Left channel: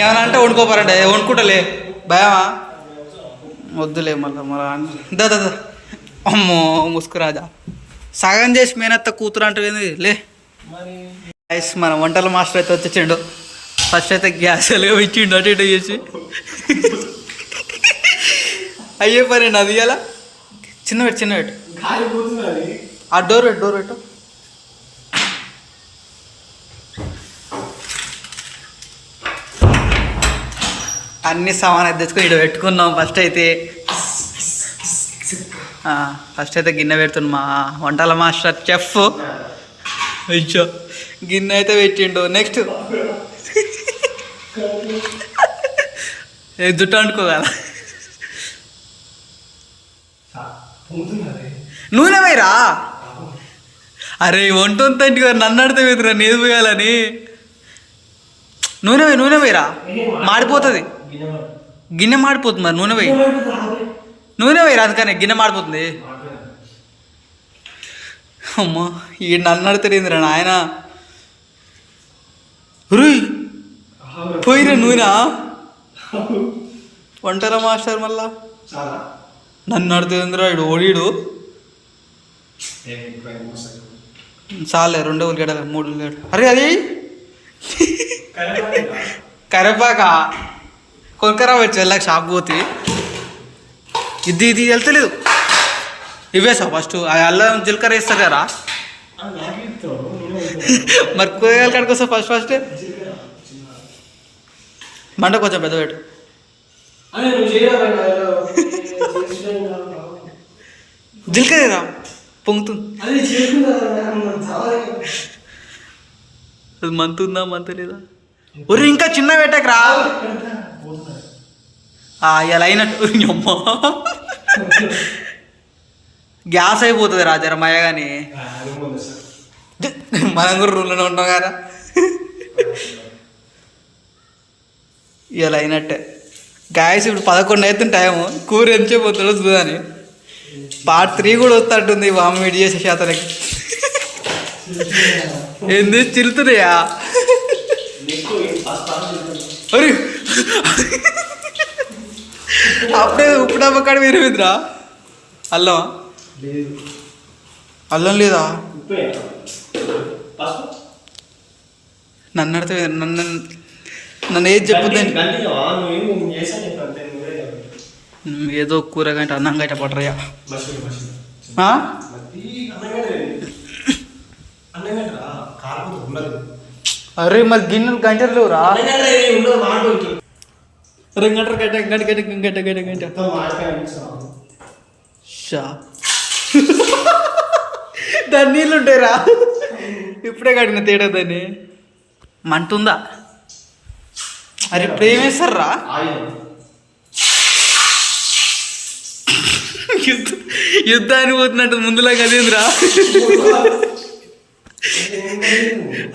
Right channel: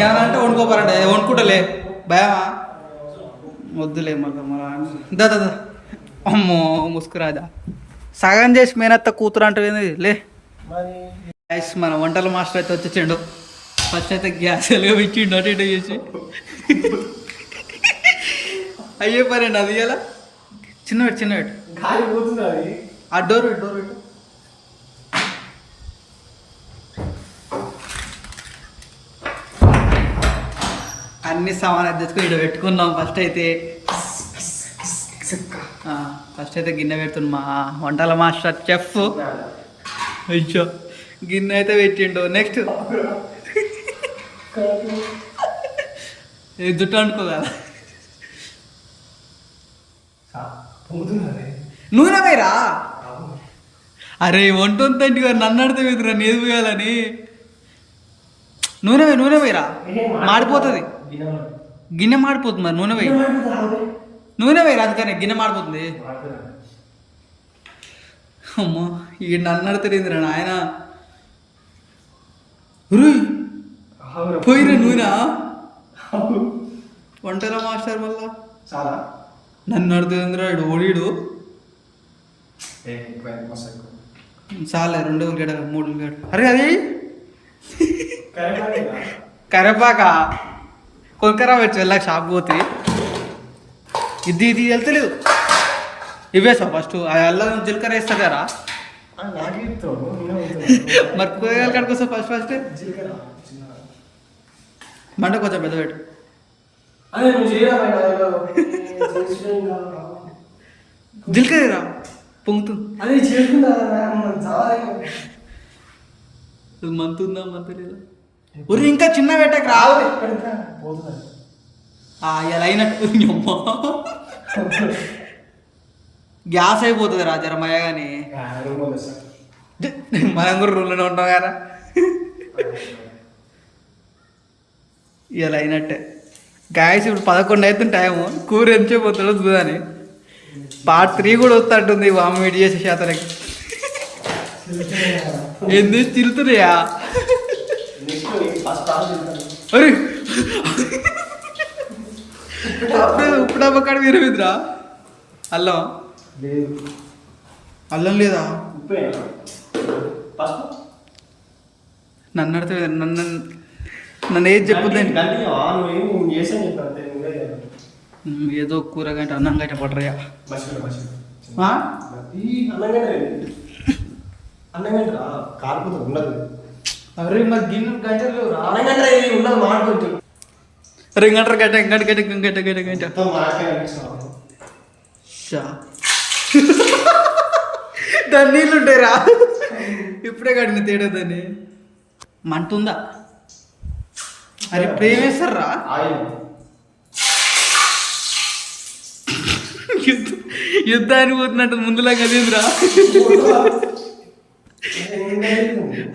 ఏమన్నా అంటే వండుకోపారంటే వండుకుంటలే భయమా వద్దులే మళ్ళీ దా అమ్మో ముసుకురాజా సగం చేసి మేనత్త కూతురు అంటే లే గైస్ మన వంటల మాస్టర్ అయితే వచ్చేసిండు. ఫస్ట్ అయితే గ్యాస్ ఎలాగో ఇచ్చిండు అటు ఇటు చేసి అయ్యే పని అది ఇలా చిన్న పెట్టు ఆ డోర్ పెట్టు అన్ని సామాన్ అయితే తెచ్చుకొని ఇక్కడ పెట్టుకున్నాం. ఫస్ట్ అయితే గిన్నె పెడుతున్నాం. మా వంటల మాస్టర్ చెఫ్ అయ్యో గిన్నె అయితే పెట్టిండు. నెక్స్ట్ జుట్టు అనుకోగల నూనె వేయరా. అరే వంటంతంటి గారు నన్ను అడితే వేదురా నేది పోయాలని. నూనె వేయరా మాడిపోతుంది. గిన్నె మాడిపోతుంది మరి నూనె వేయరా అందుకని గిన్నె మాడిపోతుంది. అమ్మా ఈ నన్ను అడతాడేందిరా నాయన. పోయిరా నూనె వంటల మాస్టర్ మళ్ళా నన్ను అడుతుందిరా ఇడు ఓడిడు. చాలే 2 ఉల్లిగడ్డ 3 ఉల్లిగడ్డ. అరే అది కరేపాక కొనుక్కరా వచ్చి వెళ్ళాక షాప్ పోతే ఇది వెళ్తలేదు. ఇవేసా ఫస్ట్ అల్లం జీలకర్ర వేస్తారు కదా మరి కూరగాయల కాడికి వస్తా ఫస్ట్ మంట కొంచెం పెద్ద పెట్టు. జీలకర్ర పొంగుతుంది. అది మంతుందా మంతలేదా ఒరి ఇంకా చిన్న పెట్టకు రా ఇలా అయినట్టు అమ్మ గ్యాస్ అయిపోతుంది రా జరమయ్య కానీ మనం కూడా రూమ్లోనే ఉంటాం కదా. ఇలా అయినట్టే గ్యాస్ ఇప్పుడు 11 అవుతుంది టైము. కూర ఎంచిపోతాడో చూదని పార్ట్ 3 కూడా వస్తుంటుంది. వామ్ వేడి చేసే శాతానికి ఏంది చిరుతున్నాయా. అరే అప్పుడే ఉప్పు డబ్బా కాడ విరివిద్రా. అల్లం లేదా నన్ను అడితే నన్ను ఏది చెప్పుద్దని ఏదో కూర గంట అన్నం గంట పట్టరయ్యా. అరే మరి గిన్నెలు గంటలు లేవురా. గంట దాని నీళ్ళు ఉంటాయిరా. ఇప్పుడే కడిగిన తేడా దాన్ని మంటుందా. అరే ఇప్పుడు ఏమేస్తారా యుద్ధానికి పోతున్నట్టు ముందులాగా అదేంద్రా.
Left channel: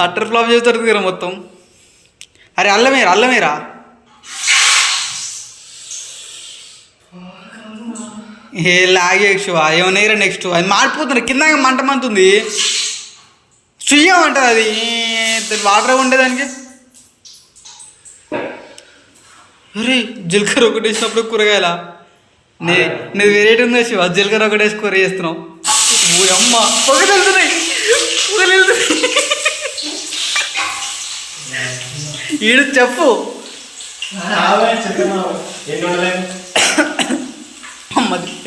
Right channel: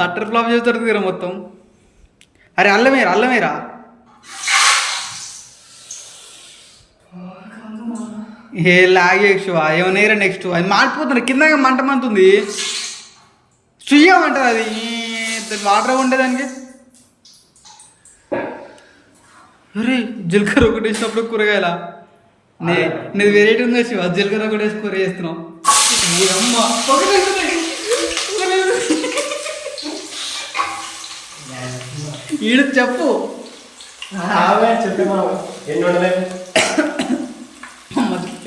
అట్టర్ ఫ్లాప్ చేస్తారు కదా మొత్తం. అరే అల్లమేరా ఏ లాగే ఏమన్నాయిరా. నెక్స్ట్ అది మాడిపోతుంది కింద మంట మంతుంది. సుయ్యం అంటది అది వాటర్ ఉండేదానికి. అరే జీలకర్ర ఒకటి వేసినప్పుడు కూరగాయల నీది వెరైటీ ఉందా శివ. జీలకర్ర ఒకటి వేసి కూర చేస్తున్నావు. అమ్మ పొగలు వెళ్తున్నాయి. ఈడు చెప్పు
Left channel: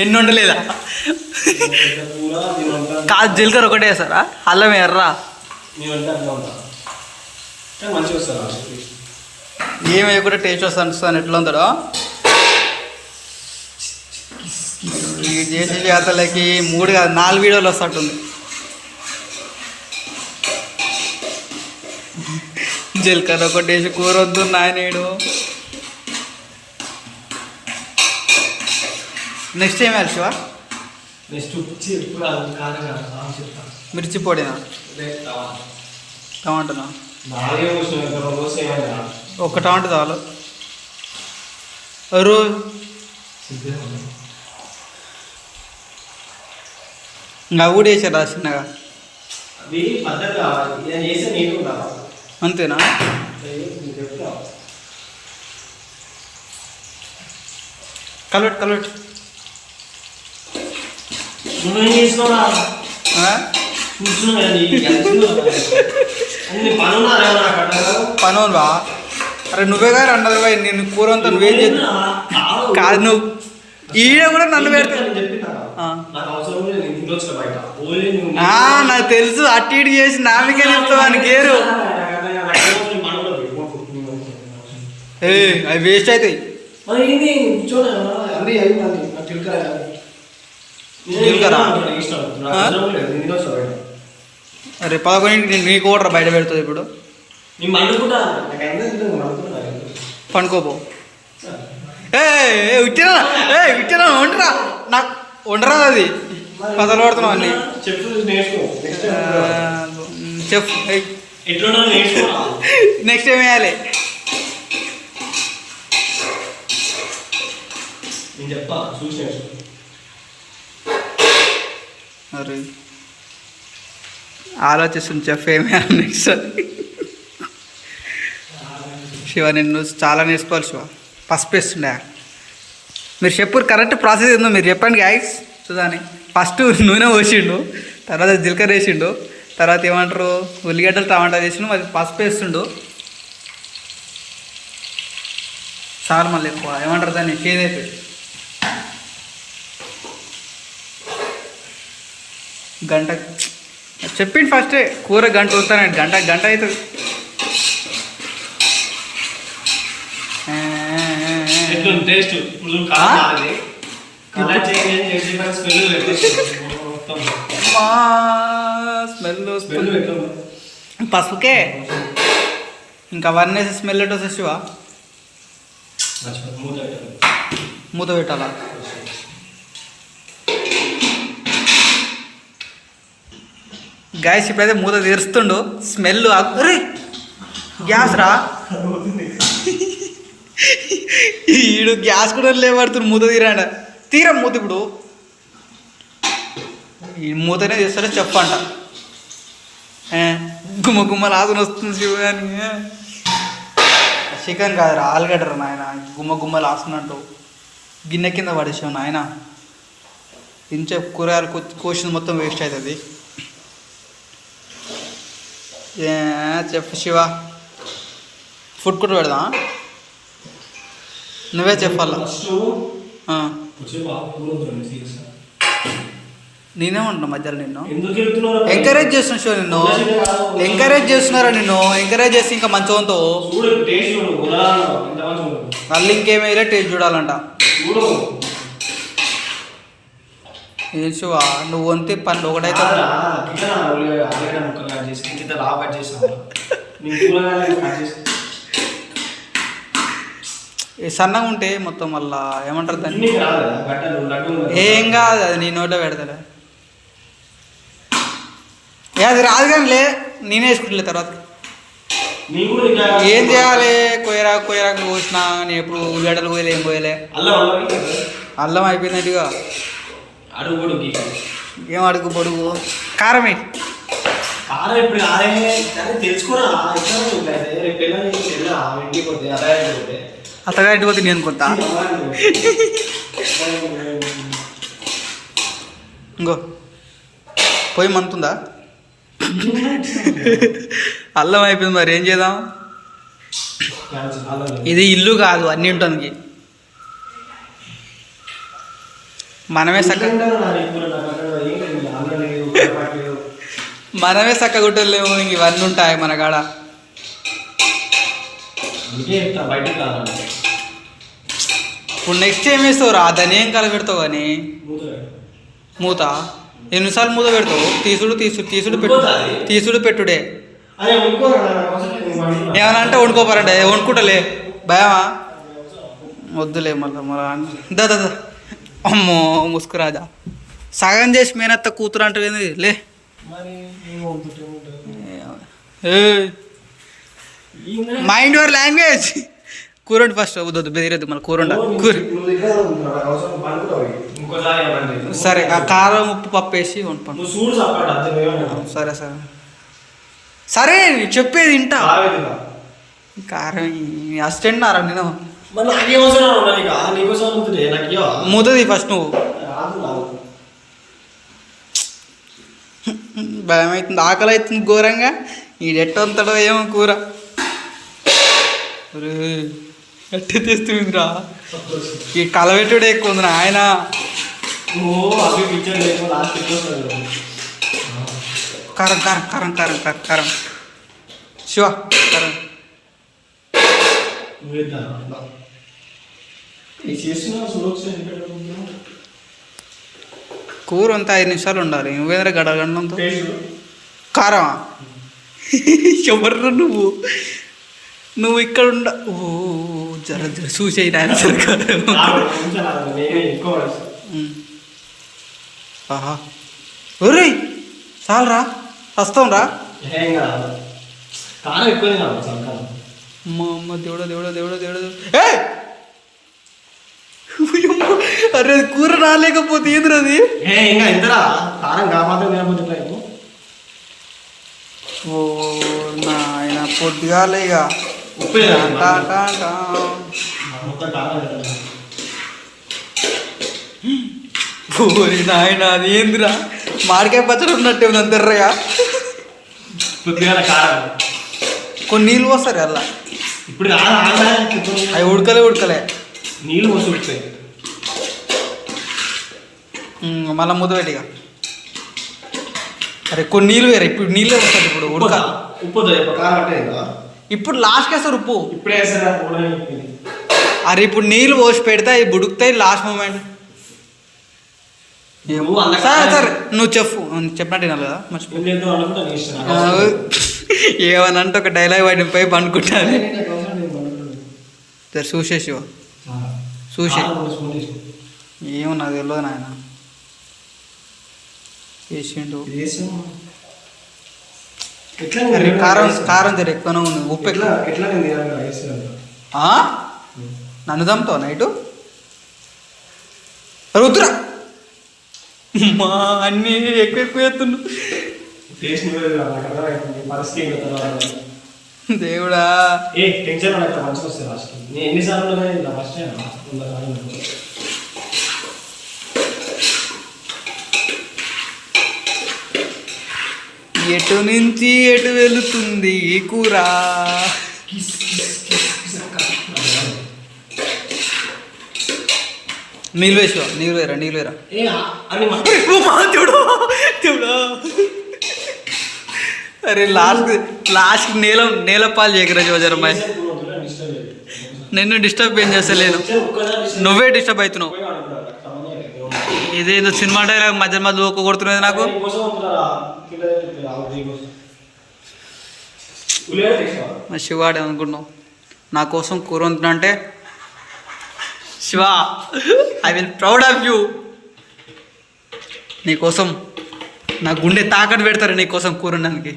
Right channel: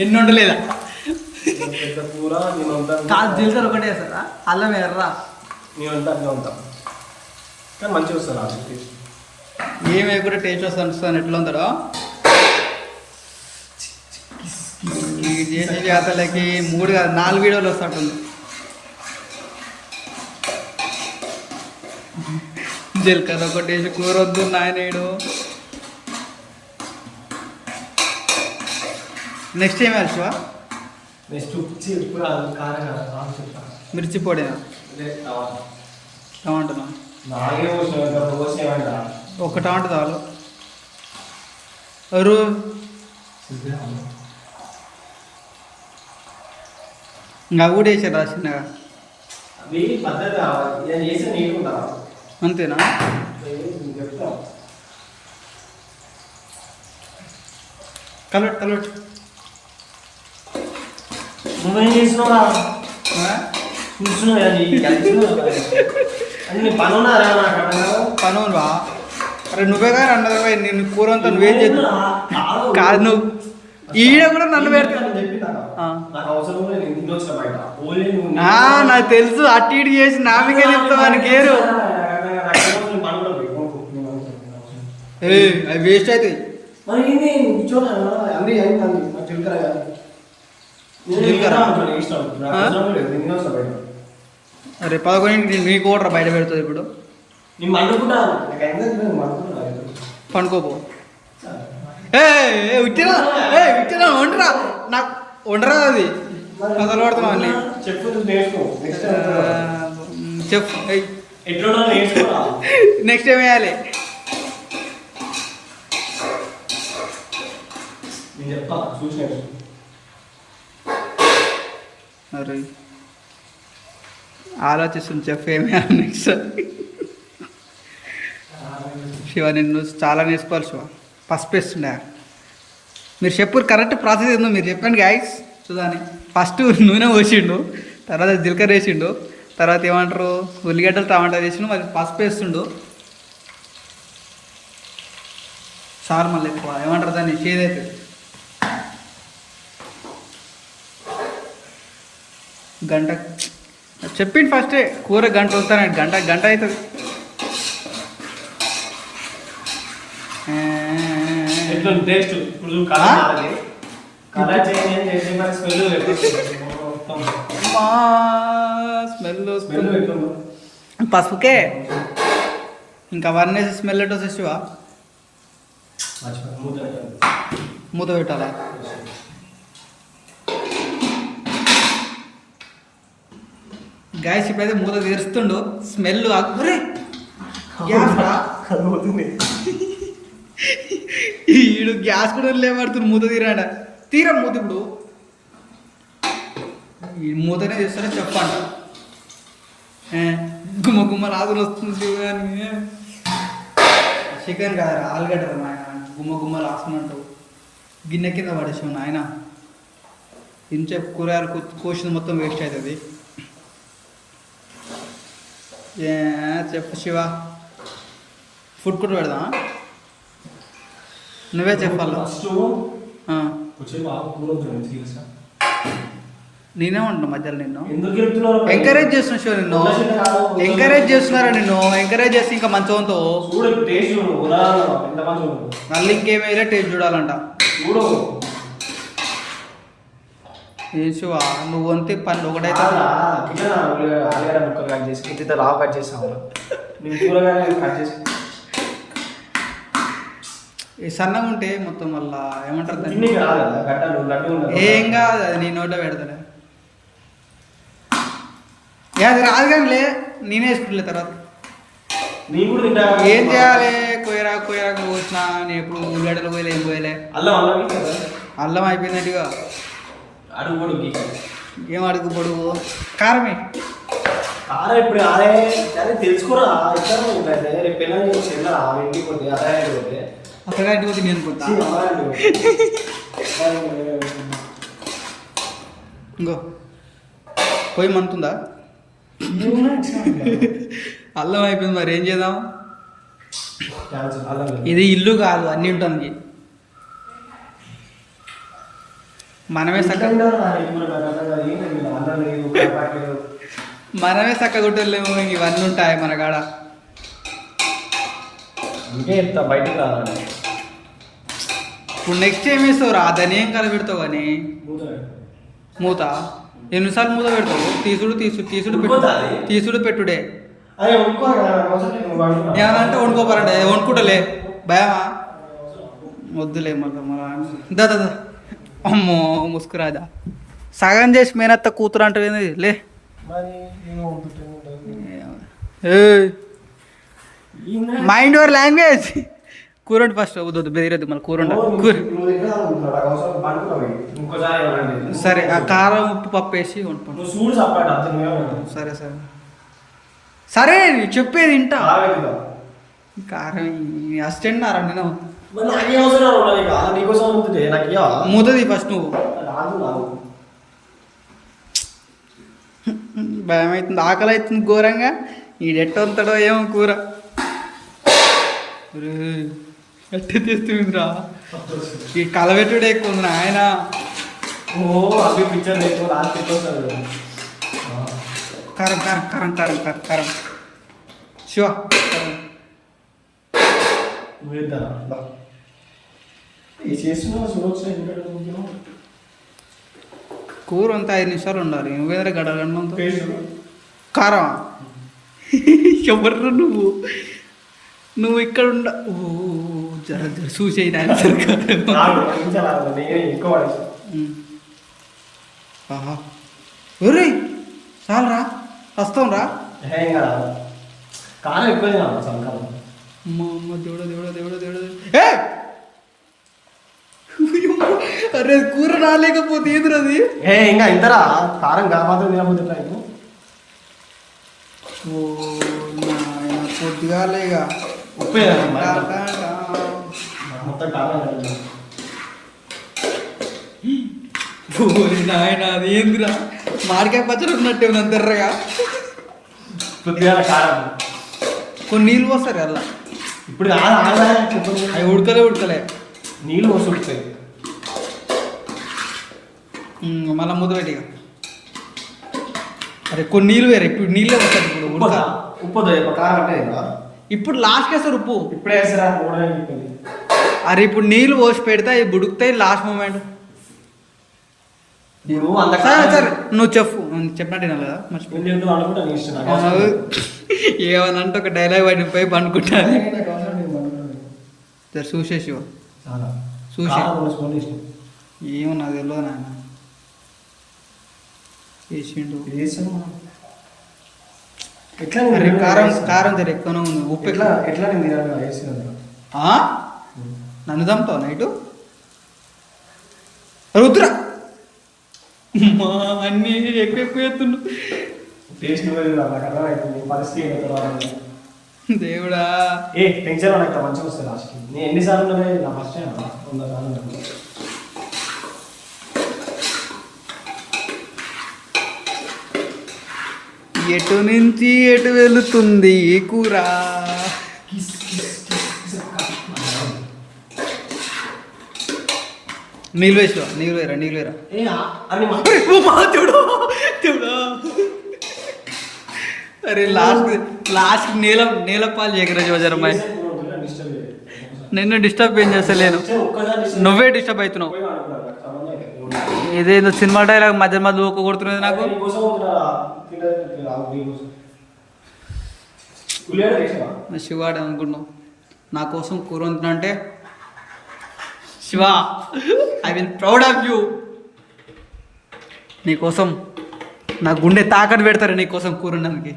ఎన్ని వండలేదా. కాదు జీలకర్ర ఒకటే వేస్తారా అల్లం ఎర్రా ఏమి కూడా టేస్ట్ వస్తాను ఎట్లా ఉందో. ఈ చేసే జాతరలకి 3 కాదు 4 వీడియోలు వస్తుంటుంది. జీలకర్ర ఒకటి వేసి కూర వద్దు నాయనేడు. నెక్స్ట్ ఏం వేయాలి శివ. మిర్చి పొడినా టమాటానా. ఒక టమాటా చాలు. ఇంకా కూడా వేసారా చిన్నగా అంతేనా. కలవెట్టు కలవెట్టు. నువ్వేం చేసినావురా? పనులు బా. అరే నువ్వే గారు అన్నది బాయ్, నేను కూర అంతా నువ్వేం చేద్దాం కాదు. నువ్వు ఈడ కూడా నన్ను పెడతా. నాకు తెలుసు, అటు ఇటు చేసి నామికే చెప్తావు అని గేరు. అవి వేస్ట్ అవుతాయి. అరే 11 నీకు ఓడరా బయట పెడుతుంది ఇప్పుడు. పండుకోపో. విట్టినా వండరా, నాకు వండరా అది కథలు పడుతున్నావు అన్నీ. చెప్పు నెక్స్ట్ ఏం వేయాలి? అరే ఆలోచిస్తుంది చెఫ్ ఏమేయాలి నెక్స్ట్. శివ నిన్ను చాలా నేర్చుకోవాలి శివ. పసుపు వేస్తుండే మీరు చెప్పు, కరెక్ట్ ప్రాసెస్ ఏందో మీరు చెప్పండి గాయస్. చూదాని ఫస్ట్ నూనె పోసిండు, తర్వాత జీలకర్ర వేసిండు, తర్వాత ఏమంటారు ఉల్లిగడ్డలు టమాటా వేసిండు, మరి పసుపు వేస్తుండు. సార్ మళ్ళీ ఎక్కువ ఏమంటారు దాన్ని చేదైతే గంట చెప్పిండు ఫస్టే. కూర గంట వస్తానండి, గంట అవుతుంది. టేస్ట్ స్మెల్ పసుపుకే ఇంకా అవన్నీ వేసి స్మెల్ ఎటు వస్తే శివ మూత పెట్టాలా? గ్యాస్ ఇప్పుడైతే మూత తెరుస్తుండు. స్మెల్ అరే గ్యాస్ రా, ఈడు గ్యాస్ కూడా లేబడుతుంది. మూత తీరా మూత. ఇప్పుడు ఈ మూతనే చేస్తారో చెప్పంట. గుమ్మ లాగుని వస్తుంది శివాని. చికెన్ కాదురా, ఆలుగడ్డరా నాయన. గుమ్మ లాస్తున్నట్టు గిన్నె కింద పడేసావు నాయన. ఇంచే కూరగాయలు కోసింది మొత్తం వేస్ట్ అవుతుంది. చెప్పు శివ, ఫుడ్ కూడా పెడదా? నువ్వే చెప్పాలా? నేనే ఉంటాను మధ్యలో. నిన్ను ఎంకరేజ్ చేస్తున్నా శివ, నిన్ను ఎంకరేజ్ చేస్తున్నారా? నిన్ను ఎంకరేజ్ చేసి ఇంకా మంచిగా మళ్ళీ ఇంకేమైనా టేస్ట్ చూడాలంట. ఏం శివ నువ్వు వంతే పని ఒకటైతే సన్నగా ఉంటే మొత్తం మళ్ళా ఏమంటారు దాన్ని? ఏం కాదు, అది నీ నోట్లో పెడతలే. అది రాదు కానీ నేనే వేసుకుంటలే. తర్వాత ఏం చేయాలి? కొయ్యరాకు కోసిన. నేను ఎప్పుడు ఉల్లిగడ్డలు పోయలే, ఏం పోయలే. అల్లం అయిపోయిందట్టుగా. ఏం అడుగు పొడుగు కారమే. ఇప్పుడు తెలుసుకోరా అత్తగా ఇంటికి పోతే నేను కొంత ఇంకో పోయి మంతుందా? అల్లం అయిపోయింది, మరి ఏం చేద్దాం? ఇది ఇల్లు కాదు, అన్నీ ఉంటుంది. మనమే చక్కగుట్టలేము, ఇంక ఇవన్నీ ఉంటాయి మన కాడ. ఇప్పుడు నెక్స్ట్ ఏం వేస్తావు రా? దాన్ని ఏం కల పెడతావు కానీ మూత ఎన్నిసార్లు మూత పెడతావు? తీసుడు పెట్టుడే. ఏమన్నా అంటే వండుకోపారంటే వండుకుంటలే భయమా? వద్దులే మళ్ళీ దా అమ్మో ముసుకురాజా. సగం చేసి మేనత్త కూతురు అంటే లే. Mind your language. కూరండి ఫస్ట్. వద్దు బెదిరద్దు మళ్ళీ కూరండ. సరే ఆ కారం ఉప్పు పప్పు వేసి వండుకోండి. సరే సరే చెప్పేది వింటా. కారం అసిస్టెంట్ నారా నేను మరి నాకేం అవసరం ఉన్నా నీకు నీకోసం ఉంటుంది నాకు ఇవ్వవా? మూతది ఫస్ట్ నువ్వు. రాదు రాదు. భయం అవుతుంది, ఆకలి అవుతుంది ఘోరంగా. ఈడెట్టంతడో ఏమో కూర. ఎట్టి తీస్తుందిరా, ఈ కలవెట్టుడే ఎక్కువ ఉంది ఆయన. ఓ అవి పిక్చర్ లేకపోతే లాస్ట్ ఎక్కువ కారం కారం కారం కారం కారం కారం శివ కారం. కూర అంతా 5 నిమిషాలు ఉండాలి. నువ్వేంద్ర గడగండంతో కారమా? ఎవరు నువ్వు ఇక్కడ ఉండ. ఓ జర జర చూసేయి నాయన సరికారం. ఆహా ఒరే చాలరా, వస్తాం రా. కారం ఎక్కువ మా అమ్మ దేవుడా దేవుడా దేవుడా దేవుడా. ఏ అరే కూర రాలేకపోతే ఏంద్ర అది? ఇంకా ఇంతరా కారం కాపాత్రం తినకపోతే ఇట్లా. ఓ నాయన పొద్దుగాలే ఇక ఉప్పు ఓరి నాయన అది ఏందిరా? మామిడికాయ పచ్చడి ఉన్నట్టే ఉంది అంతర్రగా. పొద్దుగాల కారం కొన్ని నీళ్ళు పోస్తారు అలా. ఇప్పుడు అవి ఉడకలే నీళ్ళు పోసి ఉడుకుతాయి. మళ్ళీ ముద్ద పెట్టిగా. అరే కొన్ని నీళ్ళు వేరే, ఇప్పుడు నీళ్ళే వస్తారు. ఇప్పుడు ఉడక ఉప్పు కారం అంటే ఇప్పుడు లాస్ట్కి వేస్తారు ఉప్పు. ఇప్పుడే వేస్తారా? అరే ఇప్పుడు నీళ్ళు పోసి పెడితే అవి ఉడుకుతాయి లాస్ట్ మూమెంట్. సరే నువ్వు చెప్పినట్టు వినాలి కదా, ఏమనంటే ఒక డైలాగ్ పడిపోయి పండుకుంటాను. సరే చూసేసి చూసే ఏమో నాకు తెలియదు నాయన. వేసిండు కారం కారం జర ఎక్కువనే ఉంది. ఉప్పు ఎట్లా నన్ను దమ్ముతావు నైటు రుద్ర మా అన్నీ ఎక్కువ ఎత్తున్నావు. దేవుడా టెన్షన్ మంచిగా వస్తుంది లాస్ట్. నేను ఎన్నిసార్లు ఫస్ట్ ఎటు నుంచి ఎటు వెళుతుంది ఈ కూర? నీళ్ళు వేసా, నీళ్ళు వేరా. అరే లాస్ట్ నేల పాలు చేయకరా జోజరమ్మాయి. నిన్ను డిస్టర్బ్ ఏం చేస్తలేను, నువ్వే డిస్టర్బ్ అవుతున్నావు. ఇదేదో సినిమా డైలాగ్ మధ్య మధ్య ఒక్క కొడుతున్నది నాకు. శివాడే అనుకున్నావు నా కోసం కూర వండుతున్నా అంటే. Shiva I will proud of you. నీకోసం నా గుండె తాకట్టు పెడతారు నీకోసం కూర వండడానికి.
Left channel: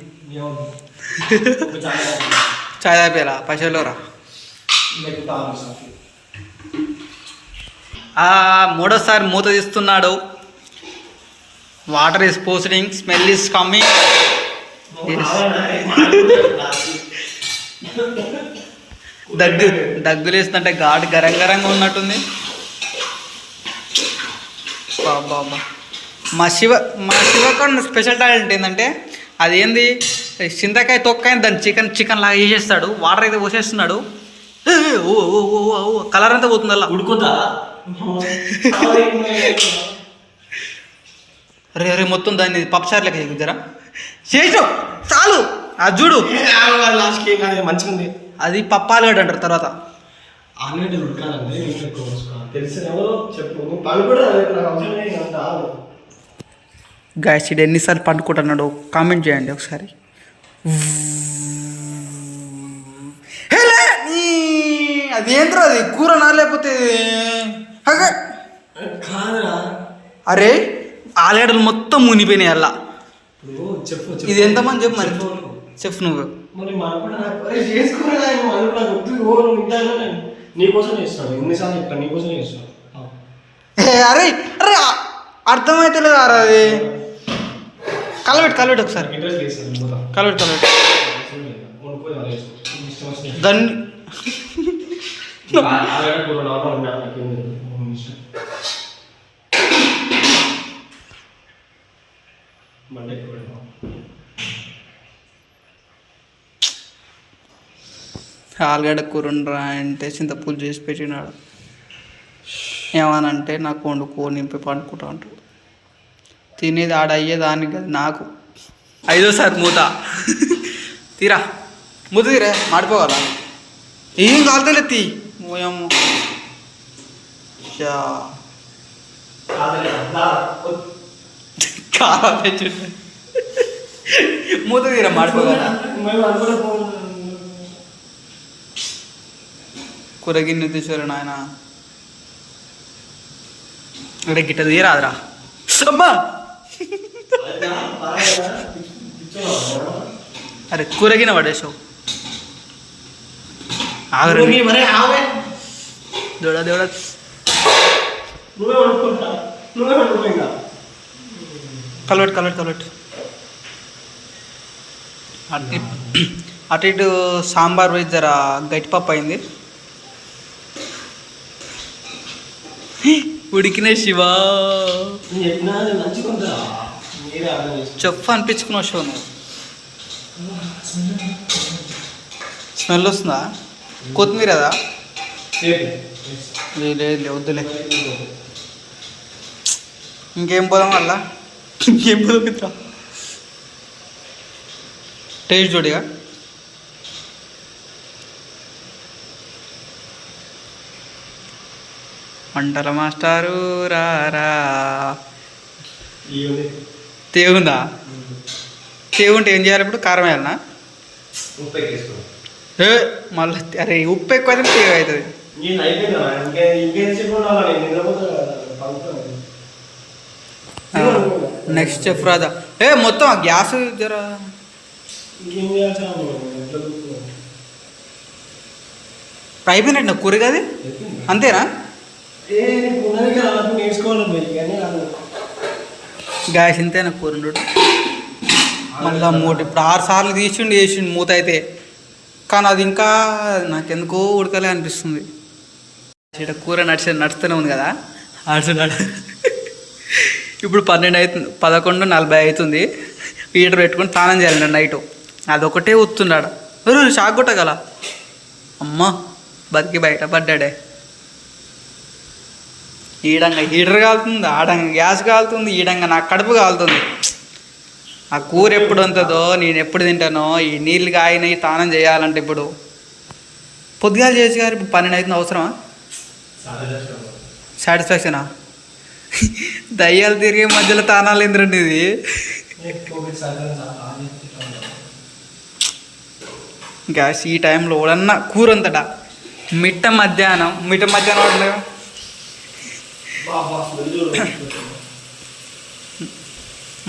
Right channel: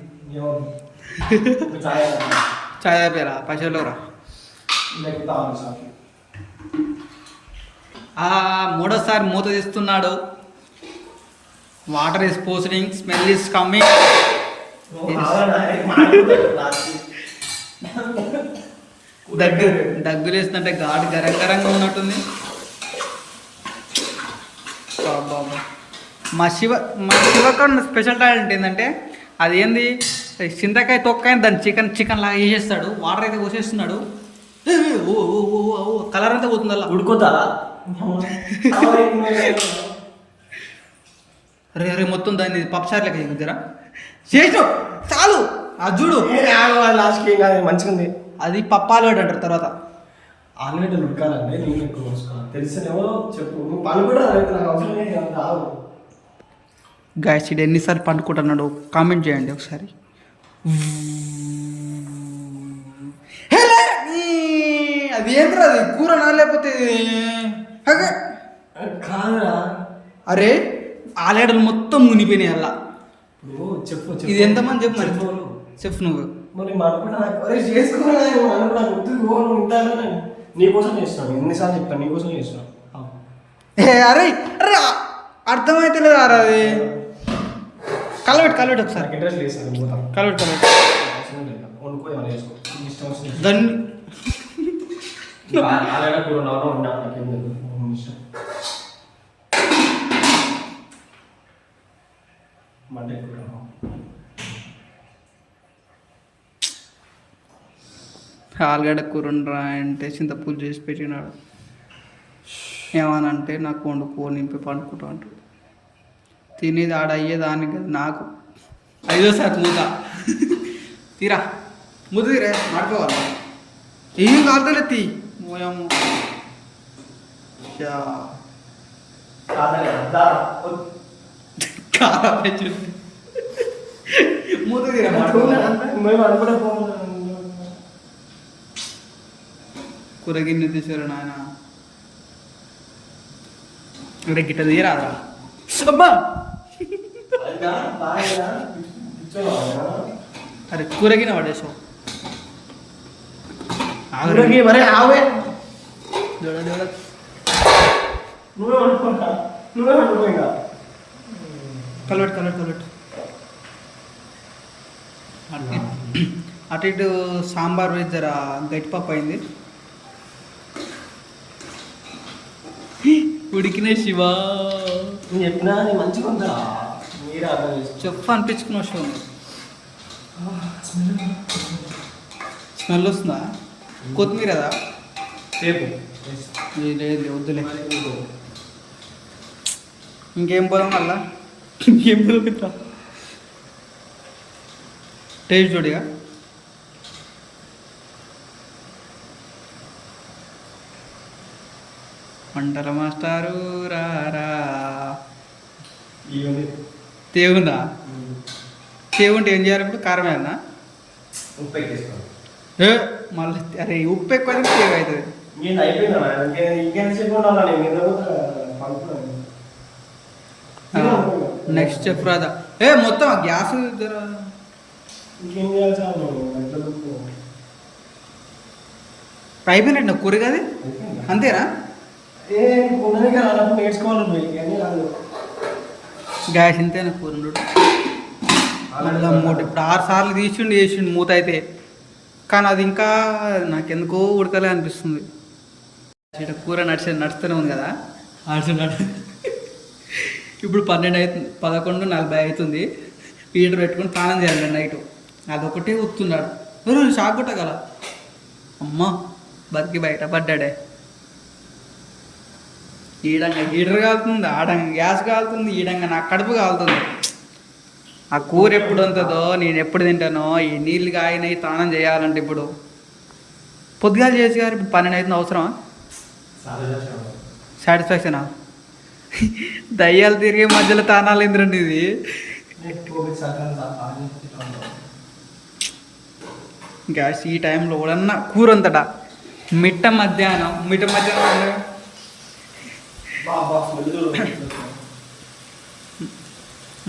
చాయ్ తాపేరా పైసలోరా. మూడోసారి మూత తీస్తున్నాడు. Water is posting, smell is coming. దగ్గులేస్తుంటే ఘాటు గరంగా ఉన్నట్టుంది. బాబా మా శివకన్న స్పెషల్ టాలెంట్ ఏంటంటే అది ఏంది, చింతకాయ తొక్కాయ దాన్ని చికెన్ లాగా వేసేస్తాడు. వాటర్ అయితే పోసేస్తున్నాడు. ఓ కలర్ అంతా పోతుంది అలా ఉడుకుతారా. అరే మొత్తం దాన్ని పప్పుచారు లెక్క చెక్కుతారా చేసావు చాలు. అది చూడు లాస్ట్కి మంచిగా ఉంది. అది పప్పాలుగడ్డ అంటారు. తర్వాత ఆలుగడ్డలు ఉడకాలంటే నేను ఎక్కువ తెలిసిన ఎవరో చెప్పు. పళ్ళు కూడా గాయస్ ఇది ఎన్నిసార్లు పండుకుంటున్నాడు కామెంట్ చేయండి ఒకసారి. అది ఏంద్రా, అది కూర నా లేకపోతే కాదురా. అరే ఆలుగడ్డలు మొత్తం మునిపోయినాయి అలా. చెప్పు ఇది ఎంతమంది చెప్పు మరి, చెప్పు నువ్వు. నీకోసం చేస్తాను, ఎన్నిసార్లు చెప్తాను నీకోసం చేస్తాను. అరే అరే అర్థమైతే లేదు. అరే అది కలబెట్టు ఒకసారి, కలబెట్టు దాన్ని ఆలుగడ్డ కూర నాన్న వండినా నాకేం తెలియదు. మంట ఎక్కువ పెడదాం. ఆలుగడ్డ కూర ఉండరా అంటే చింతపూలు చేసి పెట్టినాడు. ఏమనంటే నాకు వండుకో నింపి పండుకుంటా అంటాడు. తినేది ఆడ అయ్యేదానికి కదా నాకు. 5వ సారి మూత తీరా మూత తీరే మాడిపోవాలా ఏం కాలుతలే తీ ఓయమ్మో కారా తెచ్చుంటే మూత తీరా మాడిపోవాలా. కూర గిన్నె తీసారు నాయన. అంటే గిట్ట తీరాదురా అమ్మా. అరే కూరగిన పడేసావు. దూడ దూడ కలవెట్టు అటు ఇటు సాంబార్ వేసి జర గట్టిపప్పు అయింది. ఉడికిన శివా చెప్పు అనిపించుకున్న షో. స్మెల్ వస్తుందా? కొత్తిమీర కదా? లేదు వద్దులే. ఇంకేం పోదాం అలా? ఇంకేం పోదాం మిత్ర? టేస్ట్ చూడిగా. వంటల మాస్టారు రారా. తేవుందా? తేవుంటే ఏం చేయాలి ఇప్పుడు? కారం వేయాలనా? మళ్ళీ అరే ఉప్పు ఎక్కువ అయితే తేవ అవుతుంది. నెక్స్ట్ చెఫ్ రాజా. మొత్తం గ్యాస్ జరా అయిపోయినట్టు నా కూర కాదు అంతేనా? గ్యాస్ ఇంతేనా కూర? మళ్ళీ మూడు ఇప్పుడు 6 సార్లు వేసిండు మూత అయితే. కానీ అది ఇంకా నాకెందుకో ఉడకలే అనిపిస్తుంది. ఇక్కడ కూర నడుస్తూనే ఉంది కదా ఆడుతున్నాడు. ఇప్పుడు 12 అవుతుంది, 11:40 అవుతుంది. హీటర్ పెట్టుకొని స్నానం చేయాలండి నైట్. అదొకటే వస్తున్నాడు. షాక్ కొట్టగల అమ్మ బతికి బయట పడ్డాడే. ఈడంగా హీటర్ కాలుతుంది, ఆడంగా గ్యాస్ కాలుతుంది, ఈడంగా నాకు కడుపు కాలుతుంది. ఆ కూర ఎప్పుడు ఉంటుందో, నేను ఎప్పుడు తింటానో, ఈ నీళ్ళు కాగినాయి స్నానం చేయాలంటే ఇప్పుడు పొద్దుగాల చేసి గారు. ఇప్పుడు 12 అవుతుంది. అవసరమా? సాటిస్ఫాక్షనా? దయ్యాలు తిరిగే మధ్యలో తానాలు ఏంద్రండి ఇది. గ్యాస్ ఈ టైంలో ఎవడన్నా కూర ఉందట. మిట్ట మధ్యాహ్నం అంటే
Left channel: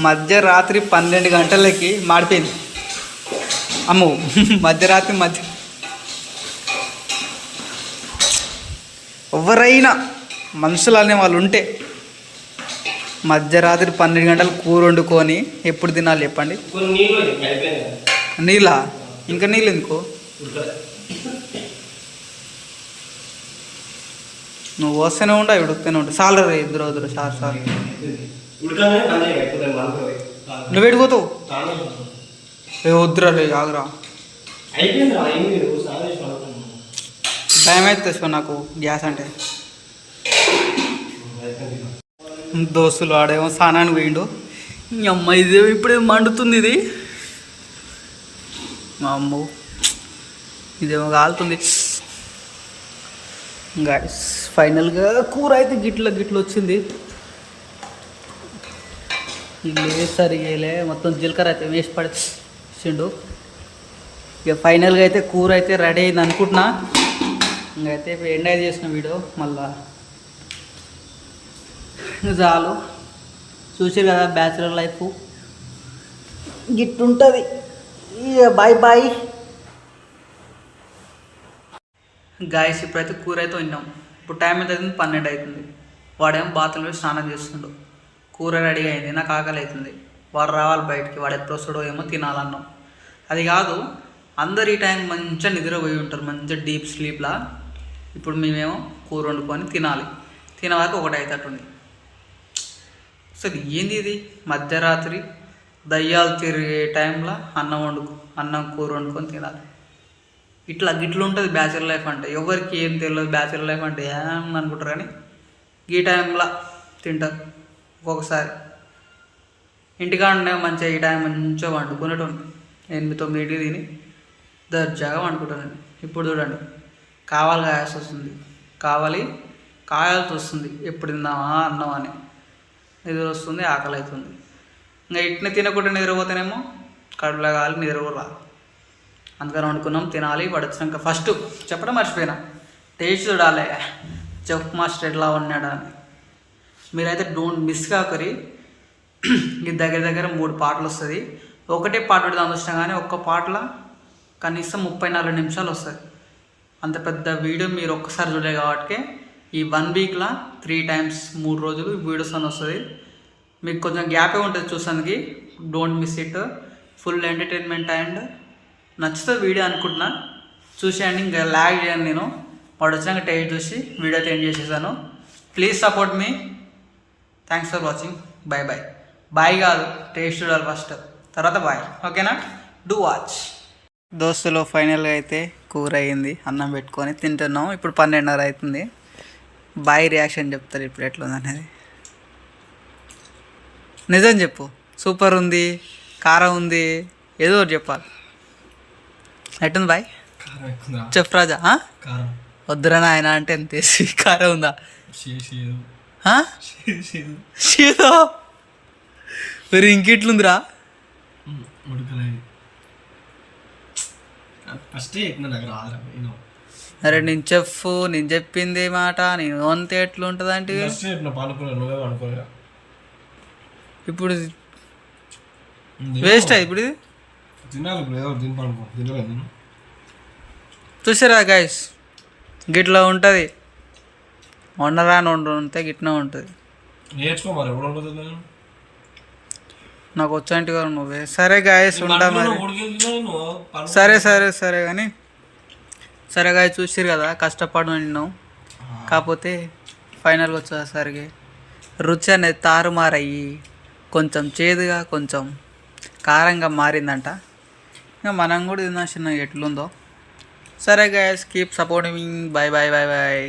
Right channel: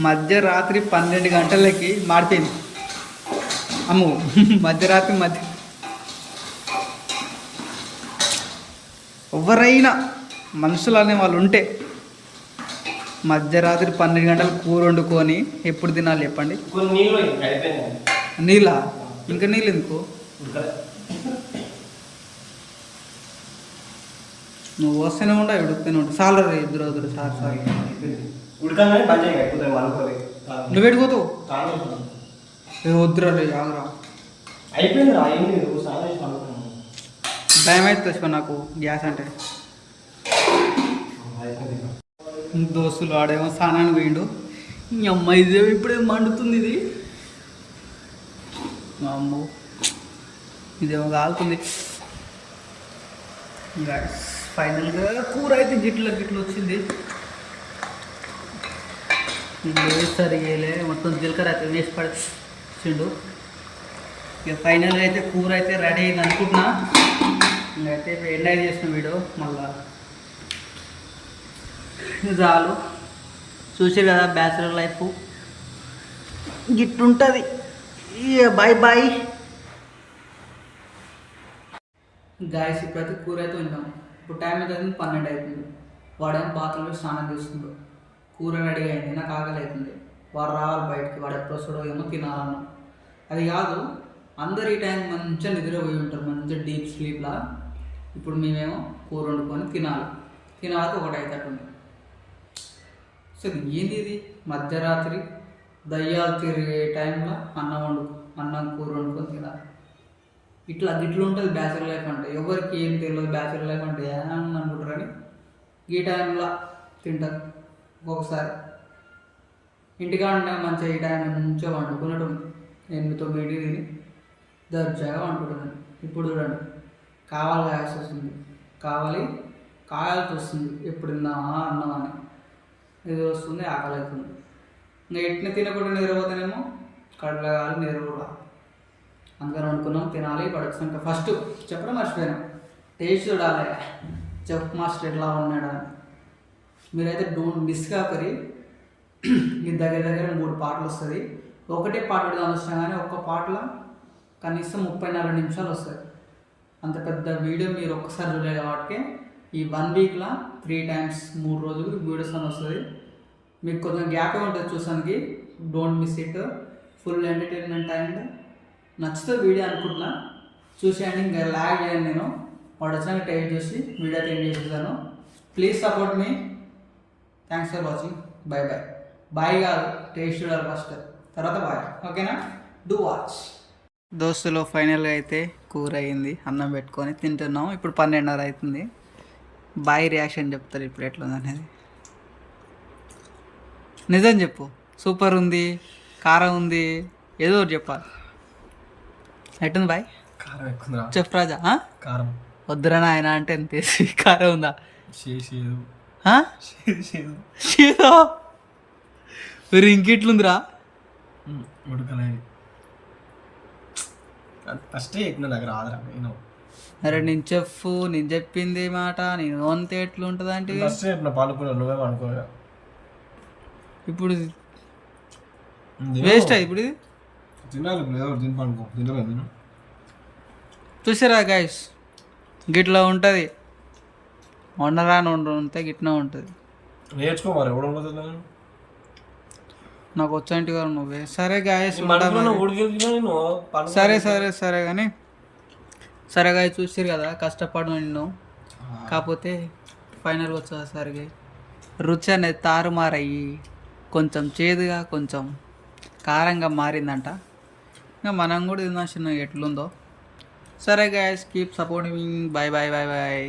మధ్యరాత్రి 12 గంటలకి మాడిపోయింది. అమ్మో మధ్యరాత్రి ఎవరైనా మనుషులు అనే వాళ్ళు ఉంటే మధ్యరాత్రి 12 గంటలు కూర వండుకొని ఎప్పుడు తినాలి చెప్పండి? నీళ్ళ ఇంకా నీళ్ళు ఎందుకు? నువ్వు వస్తూనే ఉండా ఉడుకుతూనే ఉంటా. సాలరు ఇద్దరు సార్ నువ్వు పెట్టుకోతావు. వద్దురా ఆగురా. భయం అవుతుంది నాకు గ్యాస్ అంటే. దోస్తులు ఆడేమో స్నానానికి పోయిండు. అమ్మ ఇదే ఇప్పుడే మండుతుంది ఇది. మా అమ్మ ఇదేమో కాలుతుంది. గైస్ ఫైనల్గా కూర అయితే గిట్ల వచ్చింది. సరిగేలే మొత్తం జీలకర్ర అయితే వేసి పడిచిండు. ఇక ఫైనల్గా అయితే కూర అయితే రెడీ అయింది అనుకుంటున్నా. ఇంకైతే ఎంజాయ్ చేసిన వీడియో మళ్ళా చాలు. చూసారు కదా బ్యాచులర్ లైఫ్ గిట్టుంటుంది. Bye guys. ఇప్పుడైతే కూర అయితే విన్నాం. ఇప్పుడు టైం అయితే అవుతుంది 12 అవుతుంది. వాడేమో బాత్రూంలో స్నానం చేస్తుండు. కూర రెడీ అయింది. నాకు ఆకలి అవుతుంది. వాడు రావాలి బయటికి. వాడు ఎప్పుడు వస్తాడో ఏమో తినాలన్నాం. అది కాదు అందరు ఈ టైం మంచిగా నిద్రపోయి ఉంటారు, మంచిగా డీప్ స్లీప్లా. ఇప్పుడు మేమేమో కూర వండుకొని తినాలి. తినవాక 1 అవుతుంది. అసలు ఏంది ఇది? మధ్యరాత్రి దయ్యాలు తిరిగే టైంలో అన్నం కూర వండుకొని తినాలి. గిట్ల ఉంటుంది బ్యాచిలర్ లైఫ్ అంటే. ఎవరికి ఏం తెలియదు బ్యాచిలర్ లైఫ్ అంటే ఏమని అనుకుంటారు, కానీ ఈ టైంలో తింటారు. ఒక్కొక్కసారి ఇంటికాడనే మంచిగా ఈ టైం మంచిగా వండుకునేటోండి. 8-9 తిని దర్జాగా వండుకుంటాను. ఇప్పుడు చూడండి, కాయాల్సి వస్తుంది. ఎప్పుడు తిందామా అన్నం అని నిద్ర వస్తుంది, ఆకలి అవుతుంది. ఇంకా ఇట్ని తినకుండా నిద్రపోతేనేమో కడుపులో కావాలి, నిద్ర కూడా రాదు. అందుకని వండుకున్నాం, తినాలి. పడొచ్చినాక ఫస్ట్ చెప్పడం మర్చిపోయినా, టేస్ట్ చూడాలి చెఫ్ మాస్టర్ ఎట్లా ఉన్నాడు అని. మీరైతే డోంట్ మిస్ కాకరి. ఇది దగ్గర 3 పాటలు వస్తుంది. ఒకటే పాట పెడదాం చూసినా కానీ ఒక్క పాటలో కనీసం 34 నిమిషాలు వస్తుంది. అంత పెద్ద వీడియో మీరు ఒక్కసారి చూడలేదు కాబట్టి ఈ 1 వీక్లో 3 times 3 రోజులు వీడియోస్ అని వస్తుంది. మీకు కొంచెం గ్యాపే ఉంటుంది చూసానికి. Don't miss it. Full entertainment and నచ్చుతుంది వీడియో అనుకుంటున్నా. చూసేయండి, ఇంకా లాగ్ చేయను నేను. వాడు వచ్చినాక టేస్ట్ చూసి వీడియో అయితే ఎండ్ చేసేసాను. Please support me. Thanks for watching. Bye. Bye కాదు, టేస్ట్ చూడాలి ఫస్ట్, తర్వాత బాయ్. ఓకేనా? Do watch. దోస్తులో ఫైనల్గా అయితే కూర అయ్యింది. అన్నం పెట్టుకొని తింటున్నాం. ఇప్పుడు 12:30 అవుతుంది. బాయ్ రియాక్షన్ చెప్తారు ఇప్పుడు ఎట్లుంది అనేది. నిజం చెప్పు. సూపర్ ఉంది, కారం ఉంది, ఏదో ఒకటి చెప్పాలి. ఎట్టుంది బాయ్? కారం ఎక్కువ చెఫ్ రాజా. కారం వద్దురా నాయన అంటే ఎంత వేసి కారం ఉందా? షేదో మరి ఇంకెట్లుందిరా? ఉడకలేదు. ఫస్ట్ నాకు రాదురా. అరే నేను చెఫ్, నేను చెప్పింది మాట నేను అంతే ఎట్లుంటుంది అంటే నువ్వే అనుకోలే. ఇప్పుడు వేస్ట్ అయ్యి ఇప్పుడు ఇది తినాలి. ఇప్పుడు ఏదో తిని పనుకో. తినలేదు నేను. చూసారా గైస్, గిట్లా ఉంటుంది. వండరాని వండితే గిట్లా ఉంటుంది. నేర్చుకో మరి. ఎవడు ఉండదు నాకు వచ్చాంటి గారు నువ్వే. సరే గాయస్ ఉంటా మరి. సరే కానీ సరే గాయ చూసిరు కదా, కష్టపడు నిన్ను. కాకపోతే ఫైనల్గా వచ్చేసరికి రుచి అనేది తారుమారయ్యి కొంచెం చేదుగా కొంచెం కారంగా మారిందంట. ఇంకా మనం కూడా తిన్నా చిన్న ఎట్లుందో. సరే గాయస్, కీప్ సపోర్టింగ్. బాయ్.